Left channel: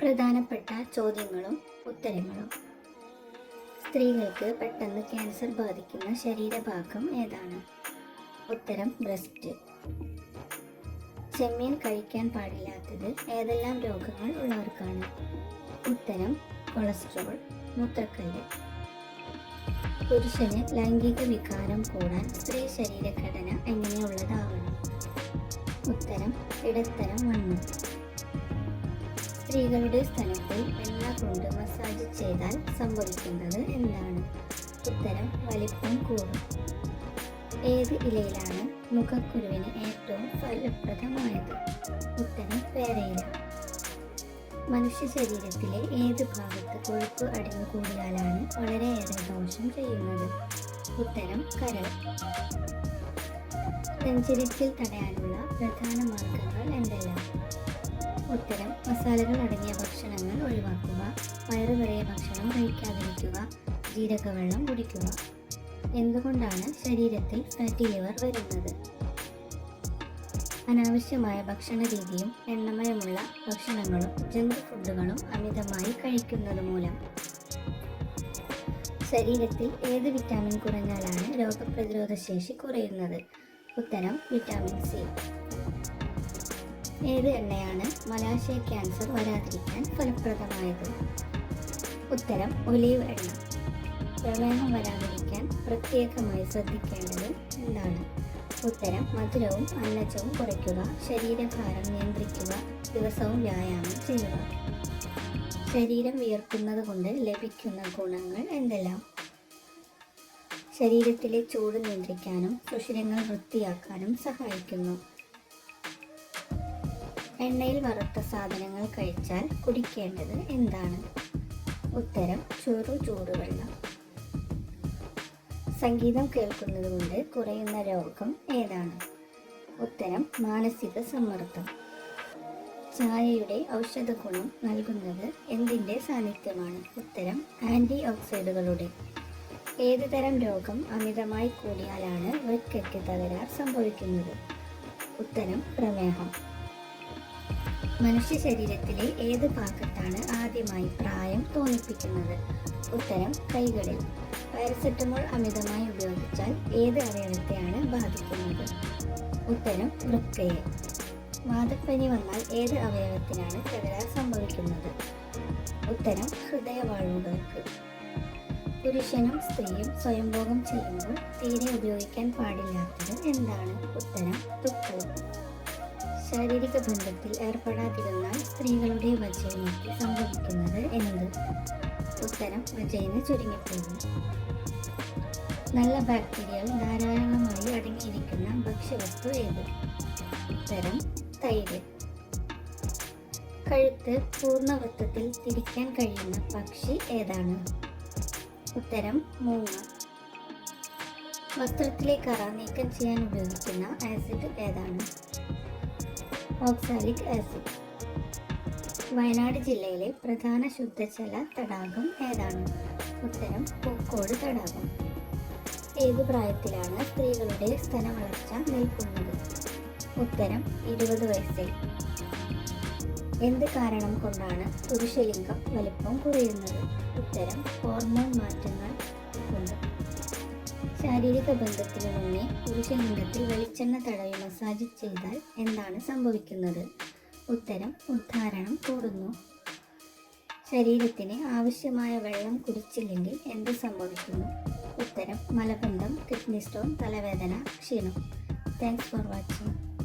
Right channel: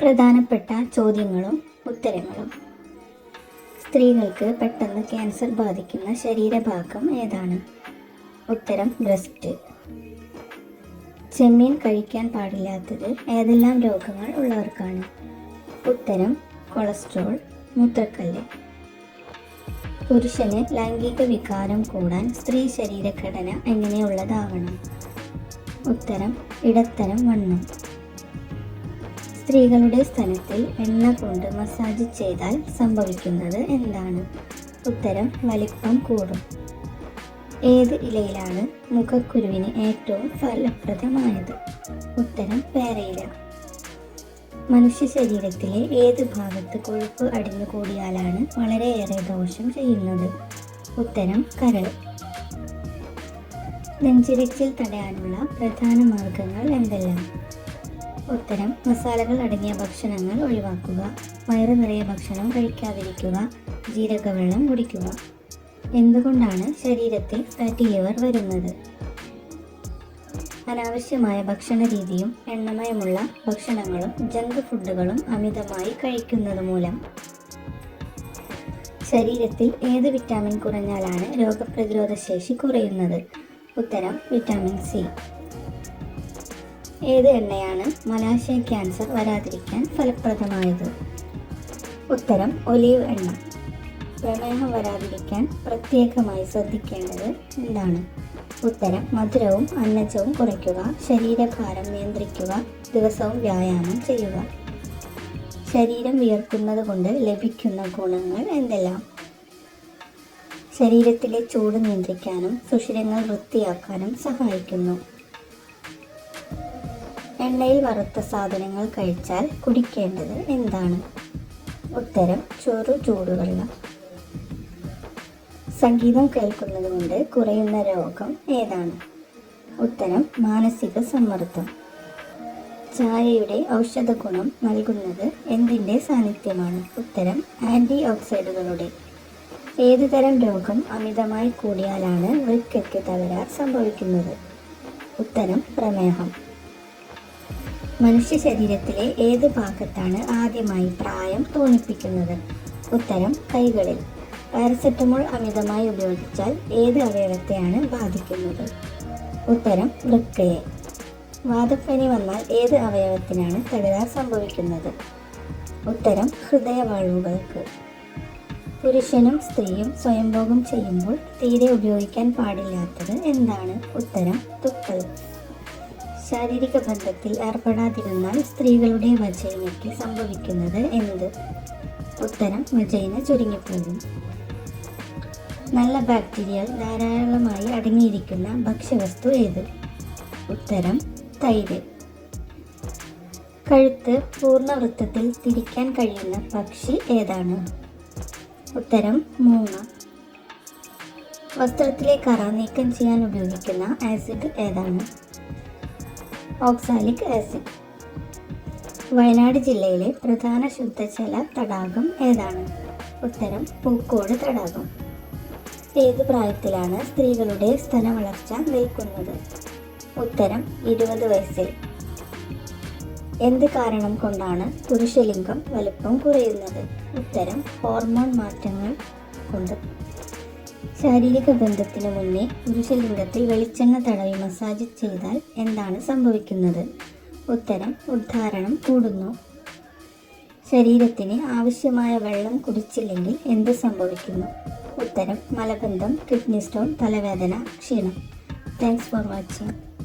പ്രധാനപ്പെട്ട ചോദ്യങ്ങളും ഉത്തരങ്ങളും. സ്ത്രീകൾക്ക് പെട്ടെന്ന് ക്യാൻസർ ബാധിക്കുന്ന ശരീരഭാഗം ഏതാണ്? ഉത്തരം ബ്രസ്റ്റ്. ചെമ്മീൻ കഴിക്കാൻ പാടില്ലാത്തത് ഏതെല്ലാം രോഗങ്ങൾ ഉള്ളവർക്കാണ്? ഉത്തരം കൊളസ്ട്രോൾ, മൂത്രക്കല്ല്. പുരുഷന് ലൈംഗിക വികാരം കൂടാൻ സ്ത്രീ ശരീരഘടന എങ്ങനെയുള്ളതാവണം? ഉത്തരം ഇടത്തരം വണ്ണം. സ്ത്രീകളുടെ സ്തനത്തിൽ എണ്ണ കൊണ്ട് മസാജ് ചെയ്താൽ സംഭവിക്കുന്നത് എന്താണ്? ഉത്തരം വലിപ്പം കൂടും. ഏത് ഇലയിലാണ് മുഖക്കുരുവിന് ഏറ്റവും ഫലപ്രദമായത്? ഉത്തരം പേരയില. മനുഷ്യ ശരീരത്തിലെ ഏത് ഭാഗത്ത് കൊഴുപ്പ് അടിഞ്ഞുകൂടിയാലാണ് വളരെയേറെ ദോഷം ചെയ്യുന്നത്? ഉത്തരം കരൾ. നെഞ്ചിരച്ചിൽ തടയാനുള്ള പ്രധാന മാർഗങ്ങൾ എന്തെല്ലാം? ഉത്തരം മസാലകൾ അടങ്ങിയ ഭക്ഷണങ്ങൾ ഒഴിവാക്കുക, വയറു നിറയെ ഭക്ഷണം കഴിക്കാതിരിക്കുക, ജീരകവെള്ളം കുടിക്കുക. എന്തുകൊണ്ടാണ് ശരീരത്തിൽ ഫാറ്റി ലിവർ വരുന്നത്? അനാവശ്യമായ ഭക്ഷണ രീതിയും എണ്ണമയമുള്ള ഭക്ഷണങ്ങളും ജങ്ക് ഫുഡുകളും അമിതമായി കഴിക്കുന്നത് മൂലം. ശരീരത്തിൽ ഏത് വിറ്റാമിൻ കുറഞ്ഞാലാണ് രോഗപ്രതിരോധ ശേഷി കുറയുന്നത്? ഉത്തരം വിറ്റാമിൻ സി. ഏത് എണ്ണയാണ് മലാശയ ക്യാൻസർ വരാതിരിക്കാൻ ഫലപ്രദമായത്? ഉത്തരം ഒലീവ് എണ്ണ. പ്രമേഹം വരാതിരിക്കാൻ പ്രത്യേകമായി ശ്രദ്ധിക്കേണ്ടത് എന്താണ്? ഉത്തരം മധുരവും അന്നജവും കുറയ്ക്കുക, ശരീരഭാരം നിയന്ത്രിക്കുക, ദിവസവും വ്യായാമം ചെയ്യുക. ശരീരം വിയർക്കുന്നത് കൊണ്ട് ലഭിക്കുന്ന ഗുണങ്ങൾ എന്തെല്ലാം? ശരീരത്തിലെ ചൂട് നിയന്ത്രിക്കാനും സുഷിരങ്ങൾ വൃത്തിയാക്കാനും സഹായിക്കുന്നു. എണ്ണയിൽ വറുത്ത സാധനങ്ങൾ കഴിച്ചാൽ കുടിക്കേണ്ടത് എന്താണ്? ഉത്തരം ചൂടുവെള്ളം. സംഗീതം കേൾക്കുന്നത് കൊണ്ട് കുറയുന്ന രോഗം ഏതാണ്? ഉത്തരം മാനസിക സമ്മർദ്ദം. ചായയുടെ ഔഷധ ഗുണം നൽകുന്നത് എന്തിൻ്റെ സാന്നിധ്യമാണ്? ഉത്തരം ആൻറ്റി ഓക്സിഡന്റുകളുടെ. ഏതു തരം രോഗം അമിതമായി കൂടിയാലാണ് വൃക്കയ്ക്ക് തകരാർ സംഭവിക്കുന്നത്? ഉത്തരം പ്രമേഹം. മനുഷ്യ ശരീരത്തിലെ ഏത് ഭാഗത്താണ് ആദ്യമായി പ്രായം തോന്നിപ്പിക്കുന്നത്? ഉത്തരം കൈകളിൽ. പാരസെറ്റമോൾ അമിതമായി ഉപയോഗിച്ചാൽ ഏത് അവയവത്തെയാണ് ബാധിക്കുന്നത്? ഉത്തരം വൃക്കയെ. വാതപ്പനി വന്നാൽ ഏത് അവയവത്തിനാണ് തകരാർ സംഭവിക്കുന്നത്? ഉത്തരം ഹൃദയവാൾവുകൾക്ക്. പുരുഷനും സ്ത്രീയും സ്വയംഭോഗം ചെയ്യുമ്പോൾ തീരെ ഉപയോഗിക്കാൻ പാടില്ലാത്തത് എന്താണ്? ഉത്തരം തുപ്പൽ. ശാരീരിക ബന്ധത്തിൽ ഏർപ്പെടാതിരുന്നാൽ സ്ത്രീകളുടെ വജൈനയ്ക്ക് സംഭവിക്കുന്നത് എന്ത്? ഉത്തരം വജൈന ചുരുങ്ങിപ്പോകും. നല്ല ബാക്ടീരിയകൾ ധാരാളമായി അടങ്ങിയിരിക്കുന്ന ഭക്ഷ്യവസ്തു ഏത്? ഉത്തരം തൈര്. കഴുത്ത് പൂർണ്ണവൃത്തത്തിൽ തിരിക്കാൻ കഴിയുന്ന പക്ഷി ഏതാണ്? ഉത്തരം മൂങ്ങ. വസ്ത്രത്തിലെ കറ നീക്കം ചെയ്യാൻ ഉപയോഗിക്കുന്ന ആസിഡ് ഏതാണ്? Oxalic acid. വയനാട് ജില്ലയിലെ പ്രധാന ശുദ്ധജല തടാകം ഏതാണ്? ഉത്തരം പൂക്കോട് തടാകം. ഏത് പ്രായത്തിലാണ് സ്ത്രീകളുടെ സ്തന വളർച്ച നിൽക്കുന്നത്? ഉത്തരം 20 വയസ്സിൽ. എന്ത് കാരണം കൊണ്ടാണ് പുരുഷലിംഗം വലിപ്പം കുറയുന്നത്? ഉത്തരം ഹോർമോൺ മാറ്റങ്ങൾ കൊണ്ട്. ശാരീരിക ബന്ധത്തിന് മുന്നേ പുരുഷലിംഗത്തിൽ വെളിച്ചെണ്ണ തടവി മസാജ് ചെയ്താൽ എന്താണ് സംഭവിക്കുന്നത്? ഉത്തരം ഉദ്ധാരണം കൂടുന്നു. ശരീരത്തിന് ആവശ്യമായ വെള്ളം കുടിച്ചില്ലെങ്കിൽ എന്ത് സംഭവിക്കുന്നു? ഉത്തരം മലബന്ധം, കിഡ്നി സ്റ്റോൺ, തലവേദന, ക്ഷീണം. Thanks for watching.